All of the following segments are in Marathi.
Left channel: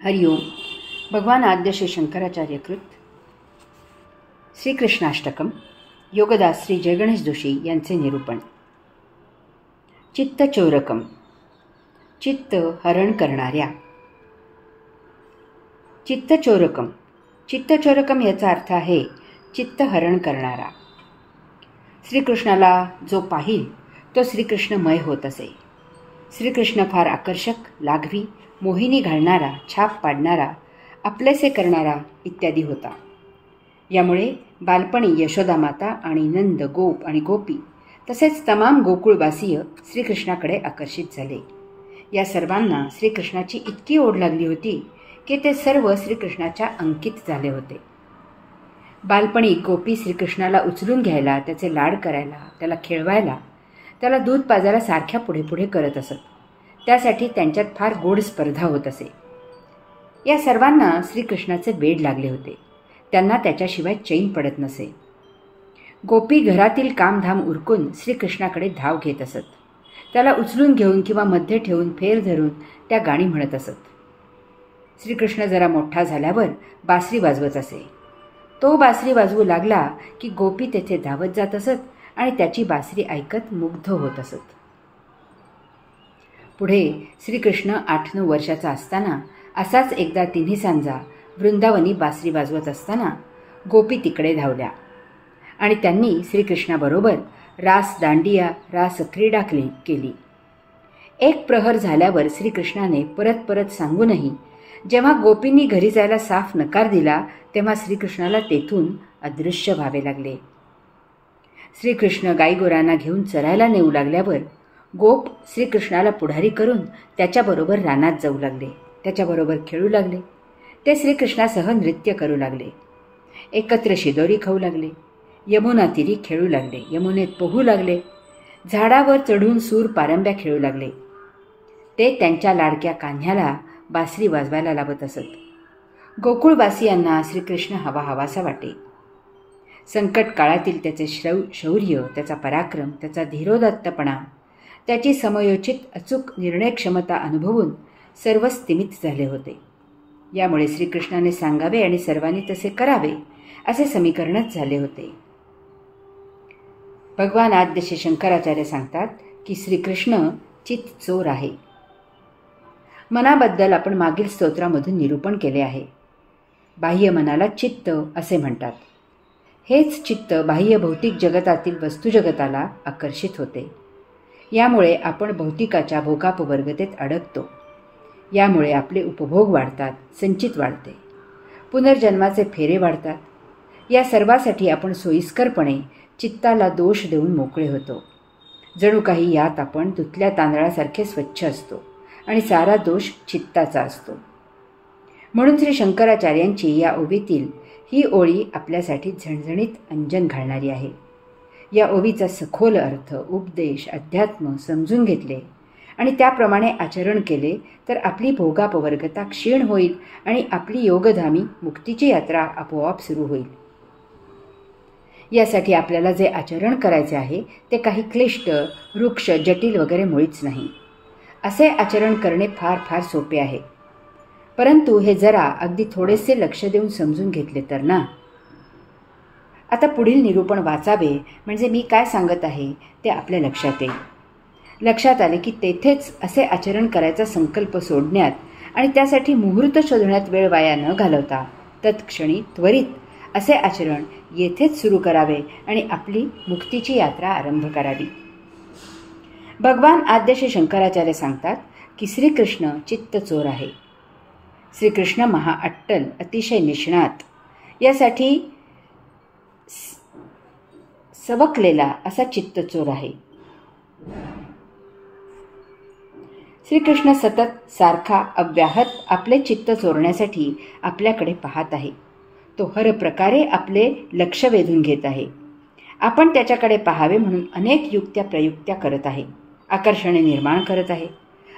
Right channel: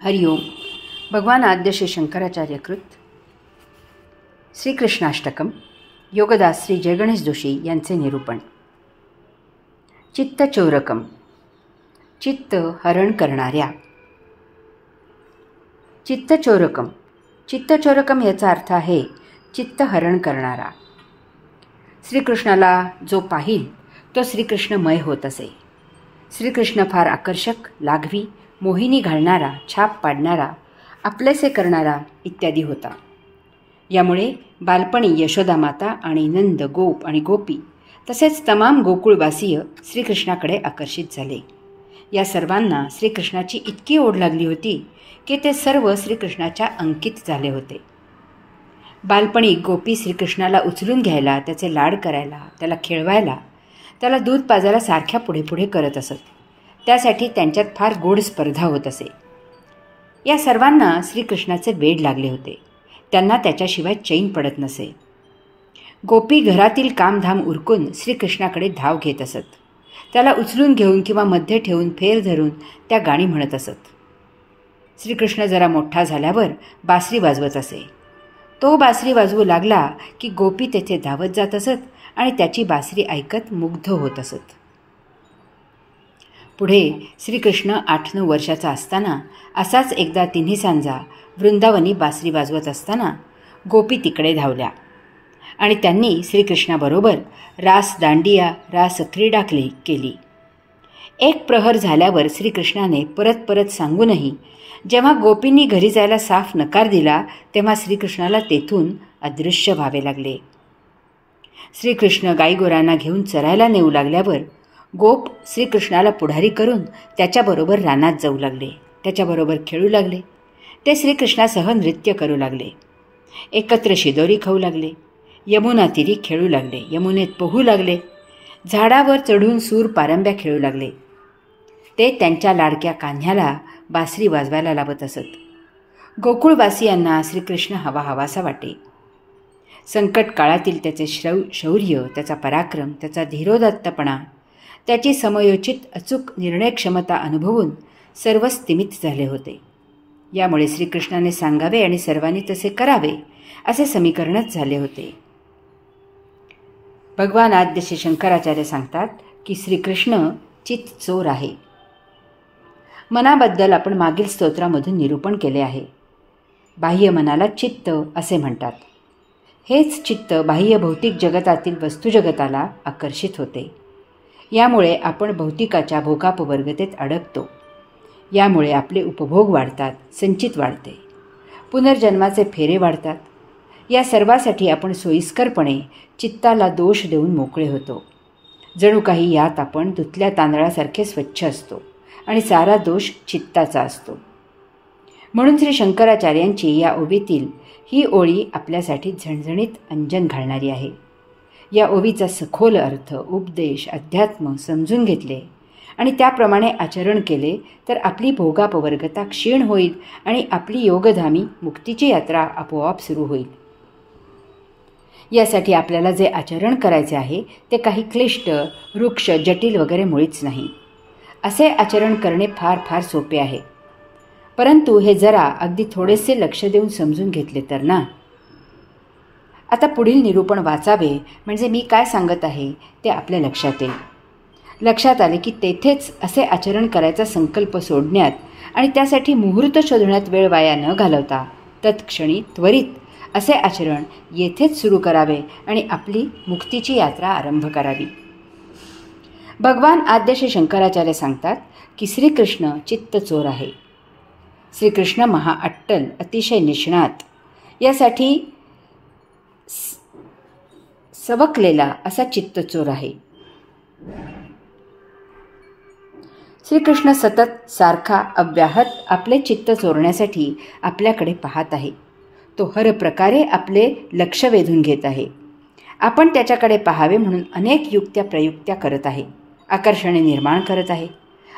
हरिओम. भगवान आद्य श्री शंकराचार्य कृत श्रीकृष्णाष्टकम योगदास श्री जयगणेश जोशी यांचे निरूपण. चित्तचोरकम, चित्त हरण करणाऱ्या. चित्तचोरकम, चित्तचोरकम याचा अर्थ आहे चित्त हरण करणारा. श्रीकृष्णाला जो पाहिल तो श्रीकृष्णमय होत असे. श्रीकृष्ण फार आकर्षक, लाघवी, मोहिनी घालणारा, छाप पाडणारा, आपलेसे करणारा इत्यादी होता. यामुळे बालपणी यशोदामाता आणि नंद, गोप आणि गोपी तसेच तमाम गोकुळवासीय श्रीकृष्णाकडे आकर्षित झाले. या सर्वांना श्रीकृष्णाची इतकी ओढ लागली होती की ते सर्व श्रीकृष्णाच्या अंकित झाले होते. बालपणी गोपी श्रीकृष्णाला उचलून घ्यायला, त्याचे लाड करायला, त्याला खेळवायला, त्याला दूध पाजायला सारख्या पुढे पुढे करत असत. त्यासाठी त्यांच्यात फार गोड स्पर्धा होत असे. या सर्वांना श्रीकृष्णाचे वेड लागले होते. त्यांना त्याच्याशिवाय चैन पडत नसे. गोपी घरातील कामधाम उरकून श्रीकृष्णाकडे धाव घेत असत. त्याला उचलून घेऊन किंवा मध्ये ठेवून फेर धरून त्या गाणी म्हणत असत. श्रीकृष्ण जरा मोठा झाल्यावर बासरी वाजवत असे. तो बासरी वाजवू लागला की गोपी तेथे धावत जात असत आणि त्याची बासरी ऐकत मुग्ध होत असत. पुढे श्रीकृष्ण 8-9 वर्षाचा असताना असाच एकदा तिन्ही सांजा वृंदावनी बासरी वाजवत असताना गोपी तिकडे धावल्या आणि त्यांनी श्रीकृष्णाबरोबर रास दांडिया, रास क्रीडा केली. एक प्रहर झाल्यावर श्रीकृष्णाने परत परत सांगूनही जेव्हा गोपींनी घरी जायला साफ नकार दिला तेव्हा श्रीकृष्णाला तेथून अदृश्य व्हावे लागले. श्रीकृष्ण गाईगोरांना घेऊन चरायला नेऊ लागल्यावर गोप श्रीकृष्णाला पुढारी करून त्याच्याबरोबर रानात जाऊ लागले. त्याच्याबरोबर खेळू लागले. ते श्रीकृष्णासह नृत्य करू लागले. एकत्र शिदोरी खाऊ लागले. यमुना तीरी खेळू लागले. यमुनेत पोहू लागले. झाडावर चढून सूर पारंब्या खेळू लागले. ते त्यांच्या लाडक्या कान्ह्याला बासरी वाजवायला लावत असत. गोकुळवासियांना श्रीकृष्ण हवाहवासा वाटे. संकट काळातील त्याचे शौर्य, त्याचा पराक्रम, त्याचा धीरोदात्तपणा, त्याची समयोचित अचूक निर्णयक्षमता अनुभवून सर्व स्तिमित झाले होते. यामुळे श्रीकृष्णाने सांगावे आणि सर्वांनी तसे करावे असे समीकरणच झाले होते. भगवान आद्य श्री शंकराचार्य सांगतात की श्रीकृष्ण चित्त चोर आहे. मनाबद्दल आपण मागील स्तोत्रामधून निरूपण केले आहे. बाह्य मनाला चित्त असे म्हणतात. हेच चित्त बाह्य भौतिक जगतातील वस्तुजगताला आकर्षित होते. यामुळे आपण भौतिकाच्या भोगापवर्गतेत अडकतो. यामुळे आपले उपभोग वाढतात, संचित वाढते, पुनर्जन्माचे फेरे वाढतात. या सर्वासाठी आपण सोयीस्करपणे चित्ताला दोष देऊन मोकळे होतो. जणू काही यात आपण धुतल्या तांदळासारखे स्वच्छ असतो आणि सारा दोष चित्ताचा असतो. म्हणून श्री शंकराचार्यांची या ओवीतील ही ओळी आपल्यासाठी झणझणीत अंजन घालणारी आहे. या ओवीचा सखोल अर्थ, उपदेश, अध्यात्म समजून घेतले आणि त्याप्रमाणे आचरण केले तर आपली भोगापवर्गता क्षीण होईल आणि आपली योगधामी मुक्तीची यात्रा आपोआप सुरू होईल. यासाठी आपल्याला जे आचरण करायचे आहे ते काही क्लिष्ट, वृक्ष, जटिल वगैरे मुळीच नाही. असे आचरण करणे फार फार सोपे आहे. परंतु हे जरा अगदी थोडेसे लक्ष देऊन समजून घेतले तर ना. आता पुढील निरूपण वाचावे म्हणजे मी काय सांगत आहे ते आपल्या लक्षात येईल. लक्षात आले की तेथेच असे आचरण करायचा संकल्प सोडण्यात आणि त्यासाठी मुहूर्त शोधण्यात वेळ वाया न घालवता तत्क्षणी त्वरित असे आचरण येथेच सुरू करावे आणि आपली मुक्तीची यात्रा आरंभ करावी. भगवान आद्य श्री शंकराचार्य सांगतात की श्रीकृष्ण चित्त चोर आहे. श्रीकृष्ण महाअट्टल, अतिशय निष्णात, यासाठी सवकलेला असा चित्तचोर आहे. श्रीकृष्ण सतत सारखा अव्याहत आपले चित्त चोरण्यासाठी आपल्याकडे पाहत आहे. तो हर प्रकारे आपले लक्ष वेधून घेत आहे. आपण त्याच्याकडे पाहावे म्हणून अनेक युक्त्या प्रयुक्त्या करत आहे. आकर्षणे निर्माण करत आहे.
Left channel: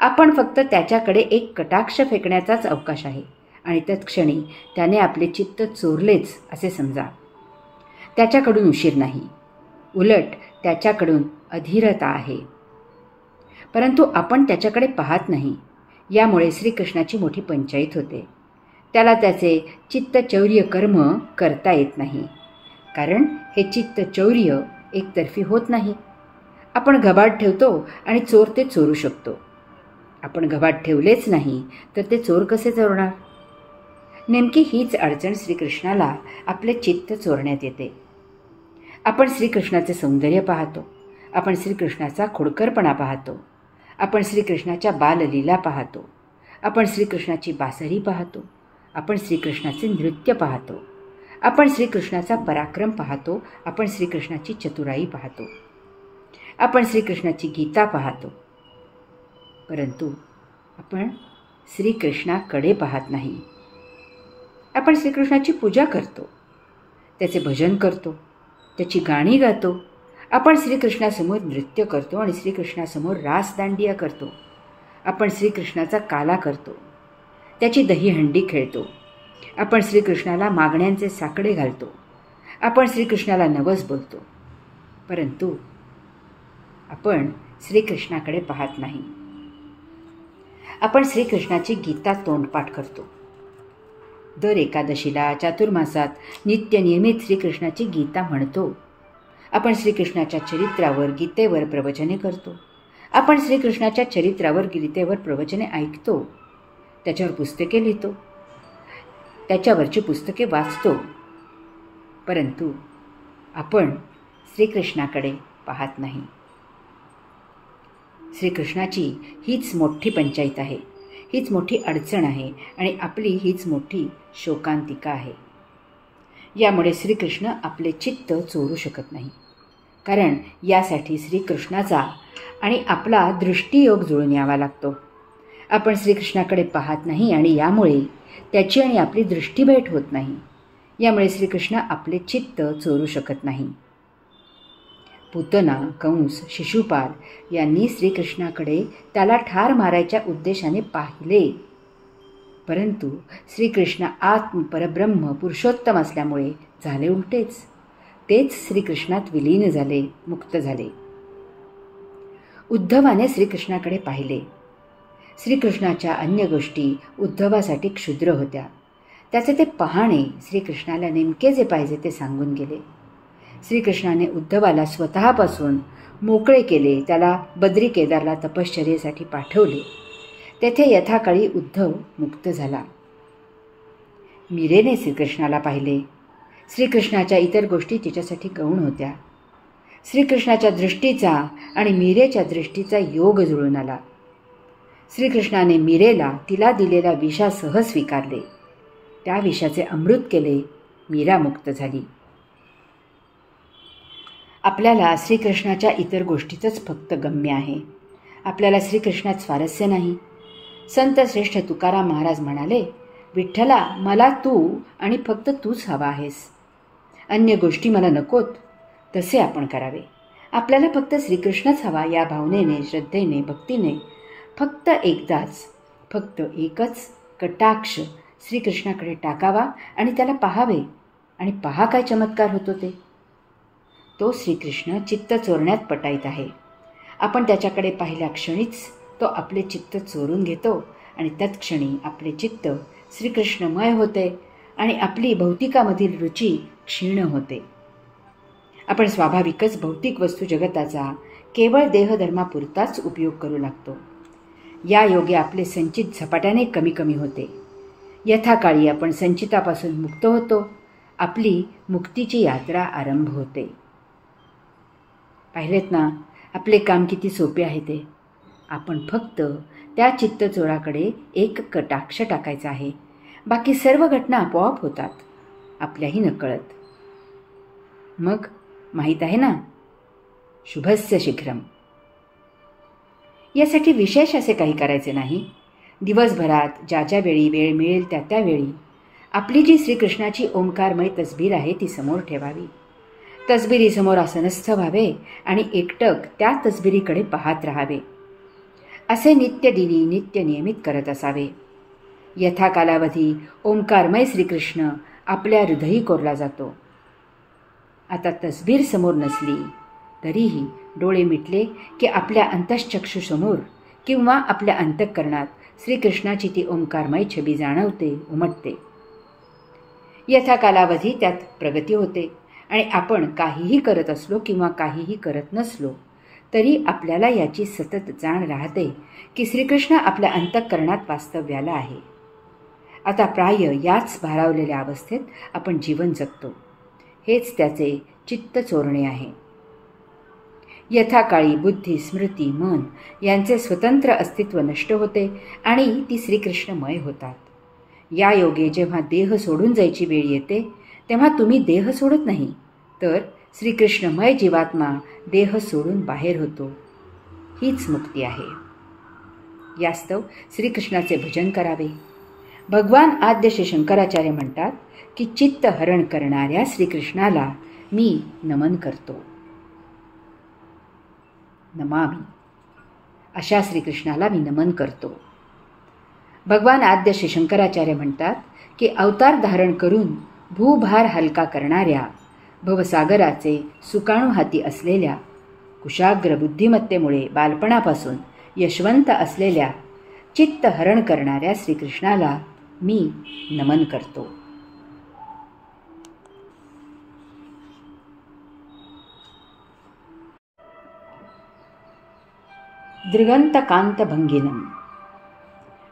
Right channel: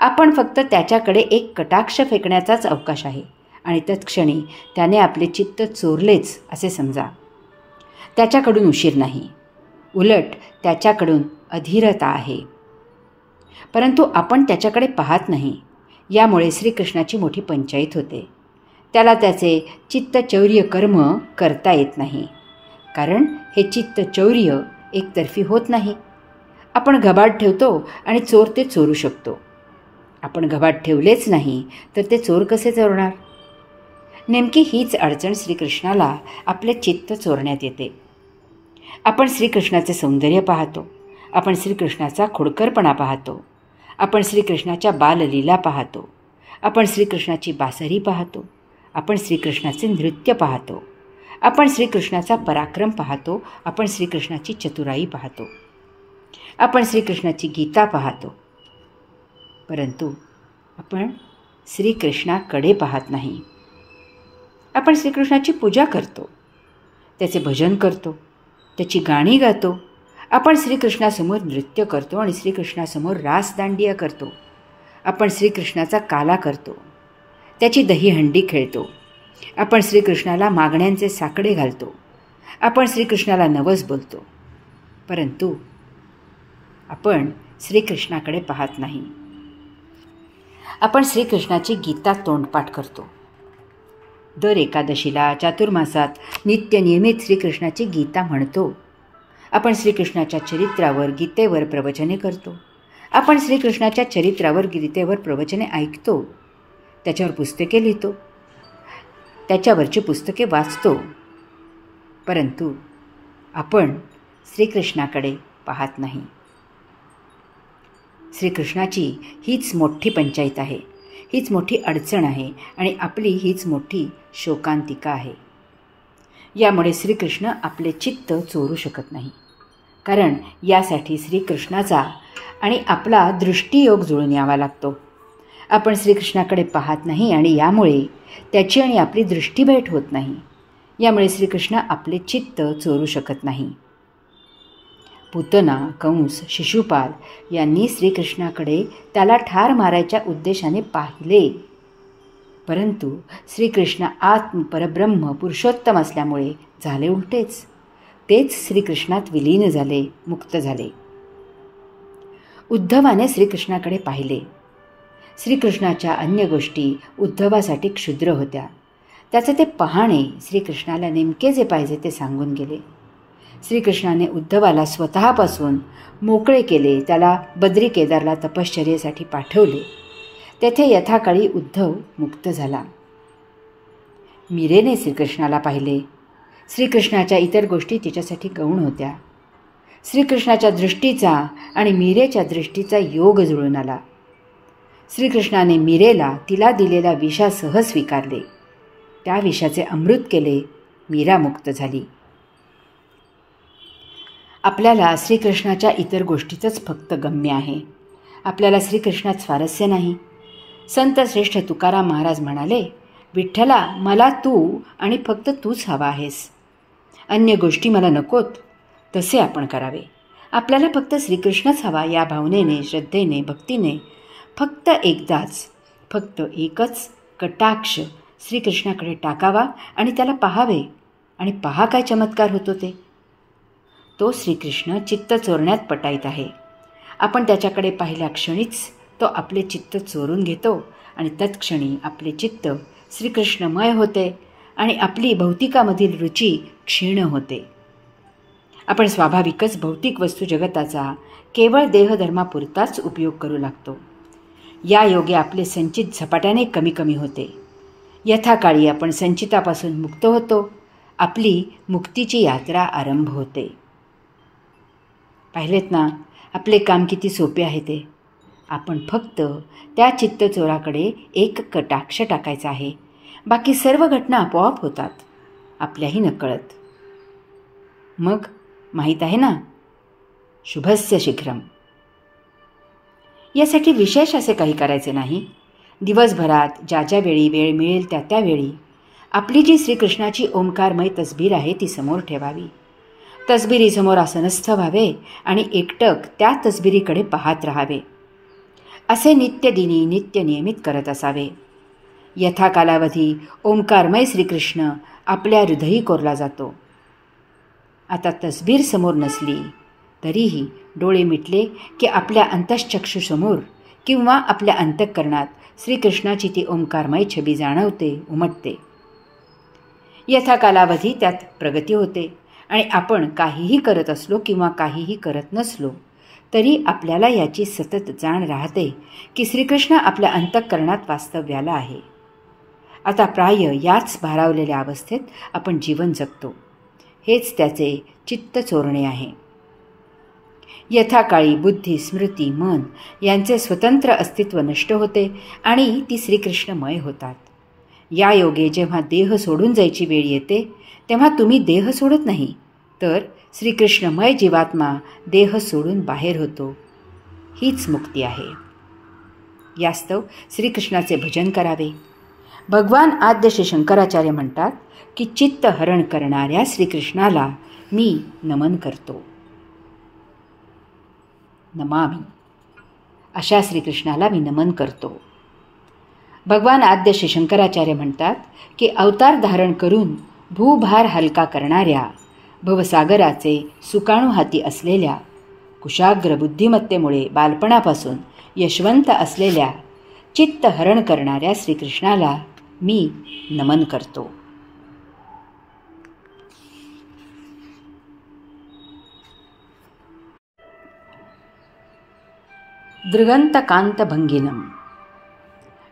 आपण फक्त त्याच्याकडे एक कटाक्ष फेकण्याचाच अवकाश आहे आणि तत्क्षणी त्याने आपले चित्त चोरलेच असे समजा. त्याच्याकडून उशीर नाही, उलट त्याच्याकडून अधीरता आहे. परंतु आपण त्याच्याकडे पाहत नाही. यामुळे श्रीकृष्णाची मोठी पंचाईत होते. त्याला त्याचे चित्तचौर्य कर्म करता येत नाही, कारण हे चित्तचौर्य एकतर्फी होत नाही. आपण घबाड ठेवतो आणि चोर ते चोरू शकतो. आपण घबाड ठेवलेच नाही तर ते चोर कसे चोरणार? नेमकी हीच अडचण श्रीकृष्णाला आपले चित्त चोरण्यात येते. आपण श्रीकृष्णाचे सौंदर्य पाहतो, आपण श्रीकृष्णाचा खोडकरपणा पाहतो, आपण श्रीकृष्णाच्या बाललीला पाहतो, आपण श्रीकृष्णाची बासरी पाहतो, आपण श्रीकृष्णाचे नृत्य पाहतो, आपण श्रीकृष्णाचा पराक्रम पाहतो, आपण श्रीकृष्णाची चतुराई पाहतो, आपण श्रीकृष्णाची गीता पाहतो. परंतु आपण श्रीकृष्णाकडे पाहत नाही. आपण श्रीकृष्णाची पूजा करतो, त्याचे भजन करतो, त्याची गाणी गातो, आपण श्रीकृष्णासमोर नृत्य करतो आणि श्रीकृष्णासमोर रासदांडिया करतो. आपण श्रीकृष्णाचा काला करतो, त्याची दहीहंडी खेळतो, आपण श्रीकृष्णाला मागण्यांचे साकडे घालतो, आपण श्रीकृष्णाला नवस बोलतो. परंतु आपण श्रीकृष्णाकडे पाहत नाही. आपण श्रीकृष्णाची गीता तोंडपाठ करतो. दर एकादशीला चातुर्मासात नित्यनियमित श्रीकृष्णाची गीता म्हणतो. आपण श्रीकृष्णाच्या चरित्रावर गीतेवर प्रवचने करतो. आपण श्रीकृष्णाच्या चरित्रावर गीतेवर प्रवचने ऐकतो, त्याच्यावर पुस्तके लिहितो, त्याच्यावरची पुस्तके वाचतो. परंतु आपण श्रीकृष्णाकडे पाहत नाही. श्रीकृष्णाची हीच मोठी पंचायत आहे, हीच मोठी अडचण आहे आणि आपली हीच मोठी शोकांतिका आहे. यामुळे श्रीकृष्ण आपले चित्त चोरू शकत नाही, कारण यासाठी श्रीकृष्णाचा आणि आपला दृष्टियोग जुळून यावा लागतो. आपण श्रीकृष्णाकडे पाहत नाही आणि यामुळे त्याची आणि आपली दृष्टीभेट होत नाही. यामुळे श्रीकृष्ण आपले चित्त चोरू शकत नाही. पूतना, कंस, शिशुपाल यांनी श्रीकृष्णाकडे त्याला ठार मारायच्या उद्देशाने पाहिले, परंतु श्रीकृष्ण परब्रह्म पुरुषोत्तम असल्यामुळे झाले उलटेच. तेच श्रीकृष्णात विलीन झाले, मुक्त झाले. उद्धवाने श्रीकृष्णाकडे पाहिले. श्रीकृष्णाच्या अन्य गोष्टी उद्धवासाठी क्षुद्र होत्या. त्याचे ते पाहणे श्रीकृष्णाला नेमके जे पाहिजे ते सांगून गेले. श्रीकृष्णाने उद्धवाला स्वतःपासून मोकळे केले. त्याला बद्री केदारला तपश्चर्येसाठी पाठवले. तेथे यथाकाळी उद्धव मुक्त झाला. मीरेने श्रीकृष्णाला पाहिले. श्रीकृष्णाच्या इतर गोष्टी तिच्यासाठी गौण होत्या. श्रीकृष्णाच्या दृष्टीचा आणि मीरेच्या दृष्टीचा योग जुळून आला. श्रीकृष्णाने मीरेला तिला दिलेला विषासह स्वीकारले. त्या विषाचे अमृत केले. मीरा मुक्त झाली. आपल्याला श्रीकृष्णाच्या इतर गोष्टीतच फक्त गम्य आहे. आपल्याला श्रीकृष्णात स्वारस्य नाही. संत श्रेष्ठ तुकाराम महाराज म्हणाले, विठ्ठला, मला तू आणि फक्त तूच हवा आहेस. अन्य गोष्टी मला नकोत. तसे आपण करावे. आपल्याला फक्त श्रीकृष्णच हवा या भावनेने, श्रद्धेने, भक्तीने फक्त एकदाच, फक्त एकच कटाक्ष श्रीकृष्णाकडे टाकावा आणि त्याला पाहावे. आणि पहा काय चमत्कार होतो ते. तो श्रीकृष्ण चित्त चोरण्यात पटाईत आहे. आपण त्याच्याकडे पाहिल्या क्षणीच तो आपले चित्त चोरून घेतो आणि तत्क्षणी आपले चित्त श्रीकृष्णमय होते आणि आपली भौतिकामधील रुची क्षीण होते. आपण स्वाभाविकच भौतिक वस्तू जगताचा केवळ देहधर्मापुरताच उपयोग करू लागतो. या योगे आपले संचित झपाट्याने कमी कमी होते. यथाकाळी आपण संचितापासून मुक्त होतो. आपली मुक्तीची यात्रा आरंभ होते. पाहिलेत ना, आपले काम किती सोपे आहे ते. आपण फक्त त्या चित्तचोराकडे एक कटाक्ष टाकायचा आहे. बाकी सर्व घटना आपोआप होतात, आपल्याही नकळत. मग माहीत आहे ना, शुभस्य शीघ्रम. यासाठी विशेष असे काही करायचे नाही. दिवसभरात ज्या ज्या वेळी वेळ मिळेल त्या त्यावेळी आपली जी श्रीकृष्णाची ओंकारमय तसबीर आहे ती समोर ठेवावी. तसबिरीसमोर आसनस्थ व्हावे आणि एकटक त्या तसबिरीकडे पाहत राहावे. असे नित्यदिनी नित्यनियमित करत असावे. यथा कालावधी ओंकारमय श्रीकृष्ण आपल्या हृदयी कोरला जातो. आता तसबीर समोर नसली तरीही डोळे मिटले की आपल्या अंतश्चक्षुसमोर किंवा आपल्या अंतःकरणात श्रीकृष्णाची ती ओंकारमय छबी जाणवते, उमटते. यथा कालावधी त्यात प्रगती होते आणि आपण काहीही करत असलो किंवा काहीही करत नसलो तरी आपल्याला याची सतत जाण राहते की श्रीकृष्ण आपल्या अंतःकरणात वास्तव्याला आहे. आता प्राय याच भारावलेल्या अवस्थेत आपण जीवन जगतो. हेच त्याचे चित्त चोरणे आहे. यथाकाळी बुद्धी, स्मृती, मन यांचे स्वतंत्र अस्तित्व नष्ट होते आणि ती श्रीकृष्णमय होतात. या योगे जेव्हा देह सोडून जायची वेळ येते तेव्हा तुम्ही देह सोडत नाही, तर श्रीकृष्णमय जीवात्मा देह सोडून बाहेर होतो. हीच मुक्ती आहे. यास्तव श्रीकृष्णाचे भजन करावे. भगवान आद्य श्री शंकराचार्य म्हणतात की चित्त हरण करणाऱ्या श्रीकृष्णाला मी नमन करतो. नमामि. अशा श्रीकृष्णाला मी नमन करतो. भगवान आद्य श्री शंकराचार्य म्हणतात की अवतार धारण करून भूभार हलका करणाऱ्या, भवसागराचे सुकाणू हाती असलेल्या, कुशाग्र बुद्धिमत्तेमुळे बालपणापासून यशवंत असलेल्या, चित्त हरण करणाऱ्या श्रीकृष्णाला मी नमन करतो. दृगंतकांतभंगिनम.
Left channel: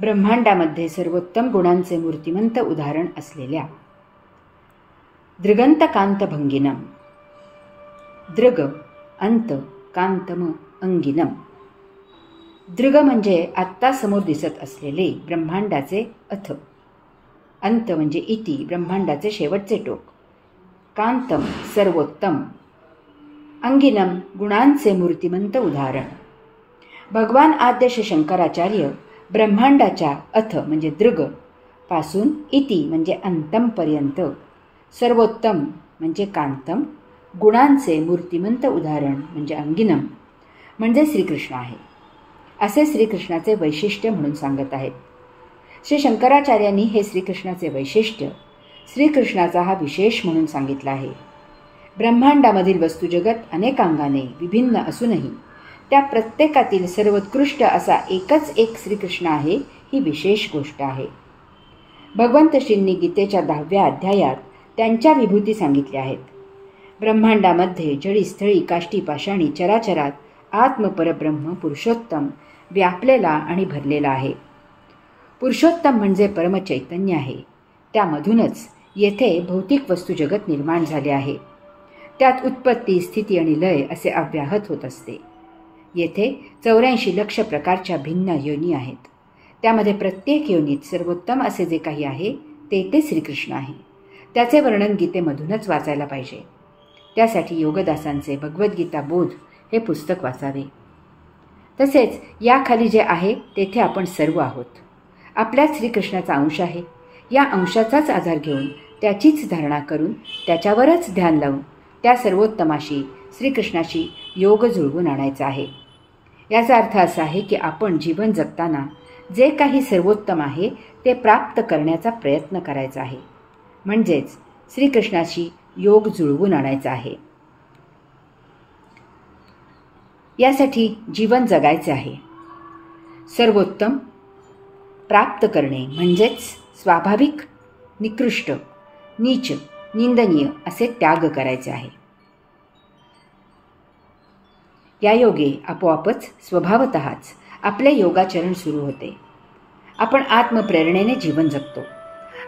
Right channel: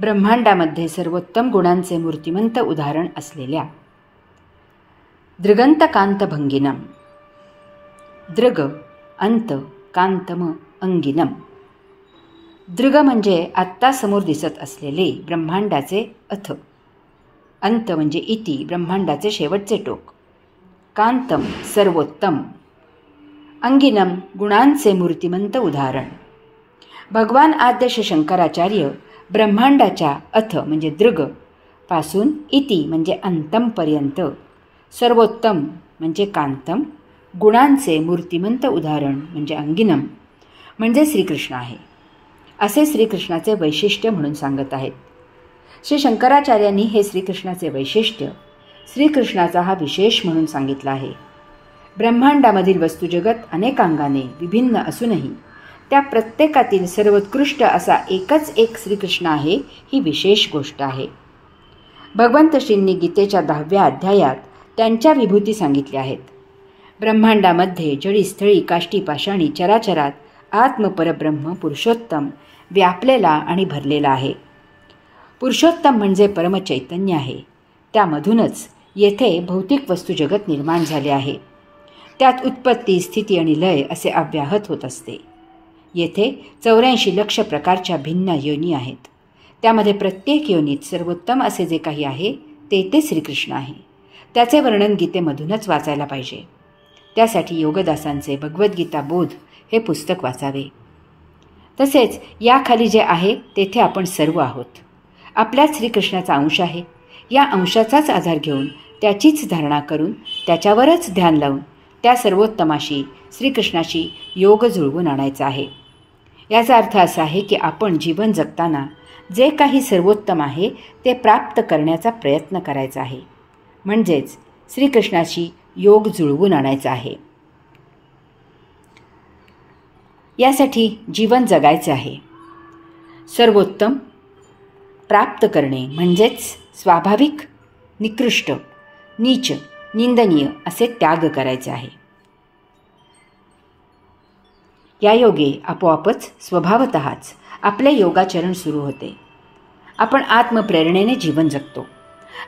ब्रह्मांडामध्ये सर्वोत्तम गुणांचे मूर्तिमंत उदाहरण असलेल्या दृगंतकांतभंगिनम. दृग अंत, कांतम अंगिनम. दृग म्हणजे आत्ता समोर दिसत असलेले ब्रह्मांडाचे अथ. अंत म्हणजे इति, ब्रह्मांडाचे शेवटचे टोक. कांतम सर्वोत्तम. अंगिनम गुणांचे मूर्तिमंत उदाहरण. भगवान आद्य श्री शंकराचार्य ब्रह्मांडाच्या अथ म्हणजे दृग पासून इति म्हणजे अंतमपर्यंत, सर्वोत्तम म्हणजे कांतम, गुणांचे मूर्तिमंत उदाहरण म्हणजे अंगिनम म्हणजे श्रीकृष्ण आहे, असे श्रीकृष्णाचे वैशिष्ट्य म्हणून सांगत आहेत. श्री शंकराचार्यांनी हे श्रीकृष्णाचे वैशिष्ट्य, श्रीकृष्णाचा हा विशेष म्हणून सांगितला आहे. ब्रह्मांडामधील वस्तुजगत अनेकांगाने विभिन्न असूनही त्या प्रत्येकातील सर्वोत्कृष्ट असा एकच एक श्रीकृष्ण आहे, ही विशेष गोष्ट आहे. भगवंत श्रींनी गीतेच्या 10व्या अध्यायात त्यांच्या विभूती सांगितल्या आहेत. ब्रह्मांडामध्ये जडीस्थळी काष्टी पाषाणी चराचरात आत्मपरब्रह्म पुरुषोत्तम व्यापलेला आणि भरलेला आहे. पुरुषोत्तम म्हणजे परमचैतन्य आहे. त्यामधूनच येथे भौतिक वस्तुजगत निर्माण झाले आहे. त्यात उत्पत्ती, स्थिती आणि लय असे अव्याहत होत असते. येथे 84 लक्ष प्रकारच्या भिन्न योनी आहेत. त्यामध्ये प्रत्येक योनीत सर्वोत्तम असे जे काही आहे ते श्रीकृष्ण आहे. त्याचे वर्णन गीतेमधूनच वाचायला पाहिजे. त्यासाठी योगदासांचे भगवद्गीता बोध हे पुस्तक वाचावे. तसेच याखाली जे आहे तेथे आपण सर्व आहोत. आपल्याच श्रीकृष्णाचा अंश आहे. या अंशाचाच आधार घेऊन त्याचीच धारणा करून त्याच्यावरच ध्यान लावून त्या सर्वोत्तमाशी श्रीकृष्णाशी योग जुळवून आणायचा आहे. याचा अर्थ असा आहे की आपण जीवन जगताना जे काही सर्वोत्तम आहे ते प्राप्त करण्याचा प्रयत्न करायचा आहे. म्हणजेच श्रीकृष्णाशी योग जुळवून आणायचा आहे. यासाठी जीवन जगायचे आहे. सर्वोत्तम प्राप्त करणे म्हणजेच स्वाभाविक, निकृष्ट, नीच, निंदनीय असे त्याग करायचे आहे. या योगे आपोआपच स्वभावतःच आपले योगाचरण सुरू होते. आपण आत्मप्रेरणेने जीवन जगतो.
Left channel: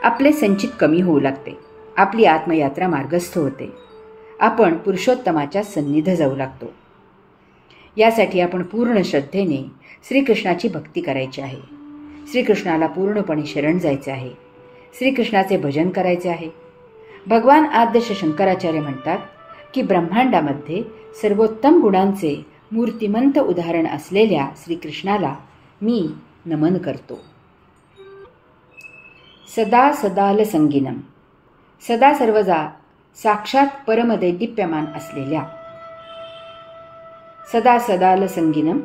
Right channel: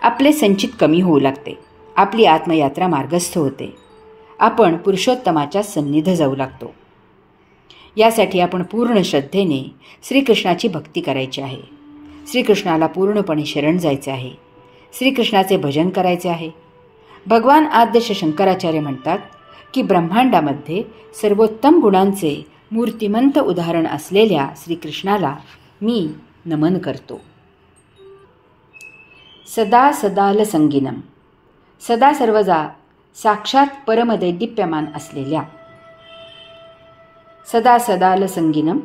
आपले संचित कमी होऊ लागते. आपली आत्मयात्रा मार्गस्थ होते. आपण पुरुषोत्तमाच्या सन्निध जाऊ लागतो. यासाठी आपण पूर्ण श्रद्धेने श्रीकृष्णाची भक्ती करायची आहे. श्रीकृष्णाला पूर्णपणे शरण जायचे आहे. श्रीकृष्णाचे भजन करायचे आहे. भगवान आद्य श्री शंकराचार्य म्हणतात की ब्रह्मांडामध्ये सर्वोत्तम गुणांचे मूर्तिमंत उदाहरण असलेल्या श्रीकृष्णाला मी नमन करतो. सदा सदाल संगीनम. सदा सर्वदा साक्षात परमदैदिप्यमान असलेल्या. सदा सदाल संगीनम.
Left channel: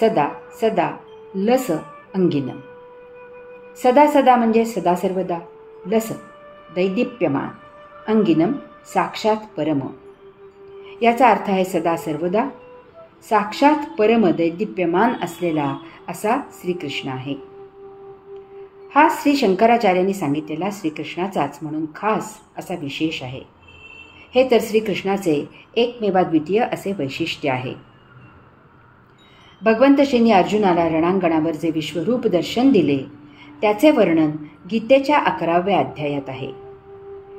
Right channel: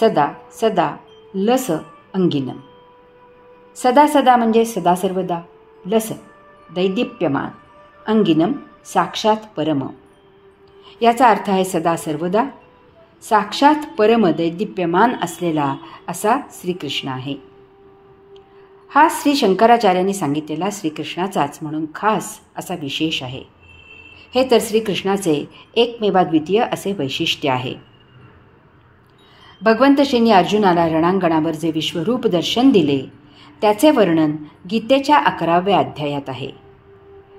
सदा सदा लस अंगिनम. सदा सदा म्हणजे सदा सर्वदा, लस दैदिप्यमान, अंगिनम साक्षात परम. याचा अर्थ आहे सदा सर्वदा साक्षात परम दैदिप्यमान असलेला असा श्रीकृष्ण आहे. हा श्री शंकराचार्यांनी सांगितलेला श्रीकृष्णाचाच म्हणून खास असा विशेष आहे. हे तर श्रीकृष्णाचे एकमेवाद्वितीय असे वैशिष्ट्य आहे. भगवंत श्रींनी अर्जुनाला रणांगणावर जे विश्वरूप दर्शन दिले त्याचे वर्णन गीतेच्या 11व्या अध्यायात आहे.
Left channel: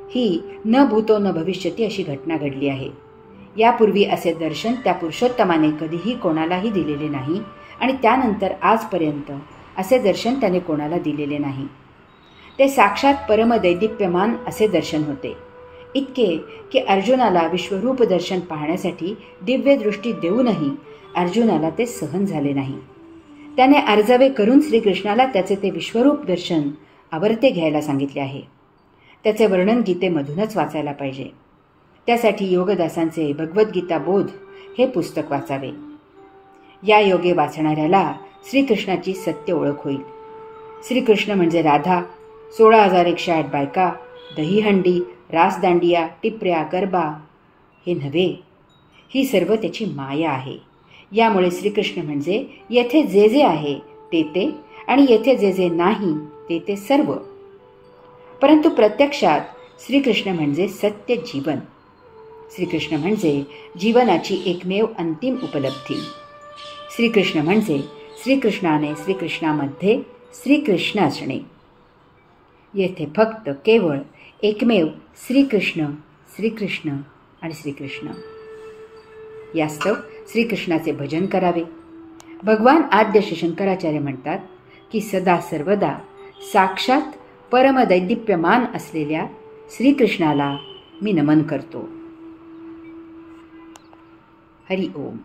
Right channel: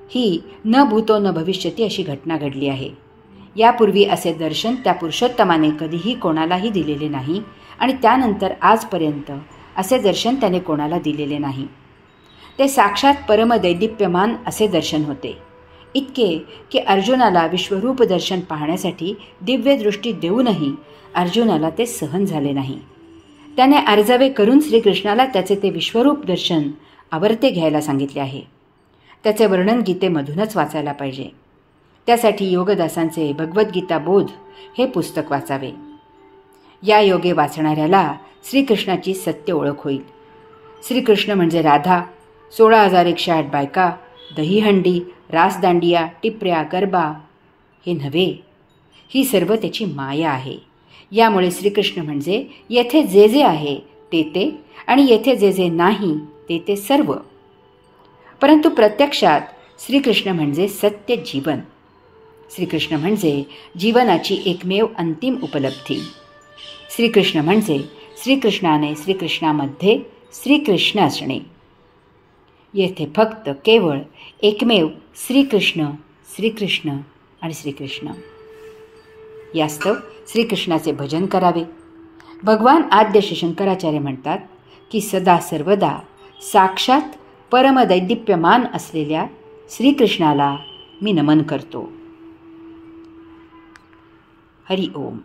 ही न भूतो न भविष्यती अशी घटना घडली आहे. यापूर्वी असे दर्शन त्या पुरुषोत्तमाने कधीही कोणालाही दिलेले नाही आणि त्यानंतर आजपर्यंत असे दर्शन त्याने कोणाला दिलेले नाही. ते साक्षात परमदैदिप्यमान असे दर्शन होते. इतके की अर्जुनाला विश्वरूप दर्शन पाहण्यासाठी दिव्य दृष्टी देऊनही अर्जुनाला ते सहन झाले नाही. त्याने अर्जावे करून श्रीकृष्णाला त्याचे ते विश्वरूप दर्शन आवर्ते घ्यायला सांगितले आहे. त्याचे वर्णन गीतेमधूनच वाचायला पाहिजे. त्यासाठी योगदासांचे भगवद्गीता बोध हे पुस्तक वाचावे. या योगे वाचणाऱ्याला श्रीकृष्णाची सत्य ओळख होईल. श्रीकृष्ण म्हणजे राधा, 16,108 बायका, दहीहंडी, रासदांडिया, टिपऱ्या, गरबा हे नव्हे, ही सर्व त्याची माया आहे. यामुळे श्रीकृष्ण म्हणजे येथे जे जे आहे ते आणि येथे जे जे नाही ते सर्व. परंतु प्रत्यक्षात श्रीकृष्ण म्हणजे सत्य जीवन. श्रीकृष्ण म्हणजे जीवनाची एकमेव अंतिम उपलब्धी. श्रीकृष्ण म्हणजे श्रीकृष्णाने श्रीकृष्णामध्ये श्रीकृष्ण असणे. येथे फक्त केवळ एकमेव श्रीकृष्ण, श्रीकृष्ण आणि श्रीकृष्ण. यास्तव श्रीकृष्णाचे भजन करावे. भगवान आद्य श्री शंकराचार्य म्हणतात की सदा सर्वदा साक्षात परमदैदिप्यमान असलेल्या श्रीकृष्णाला मी नमन करतो. हरि ओम.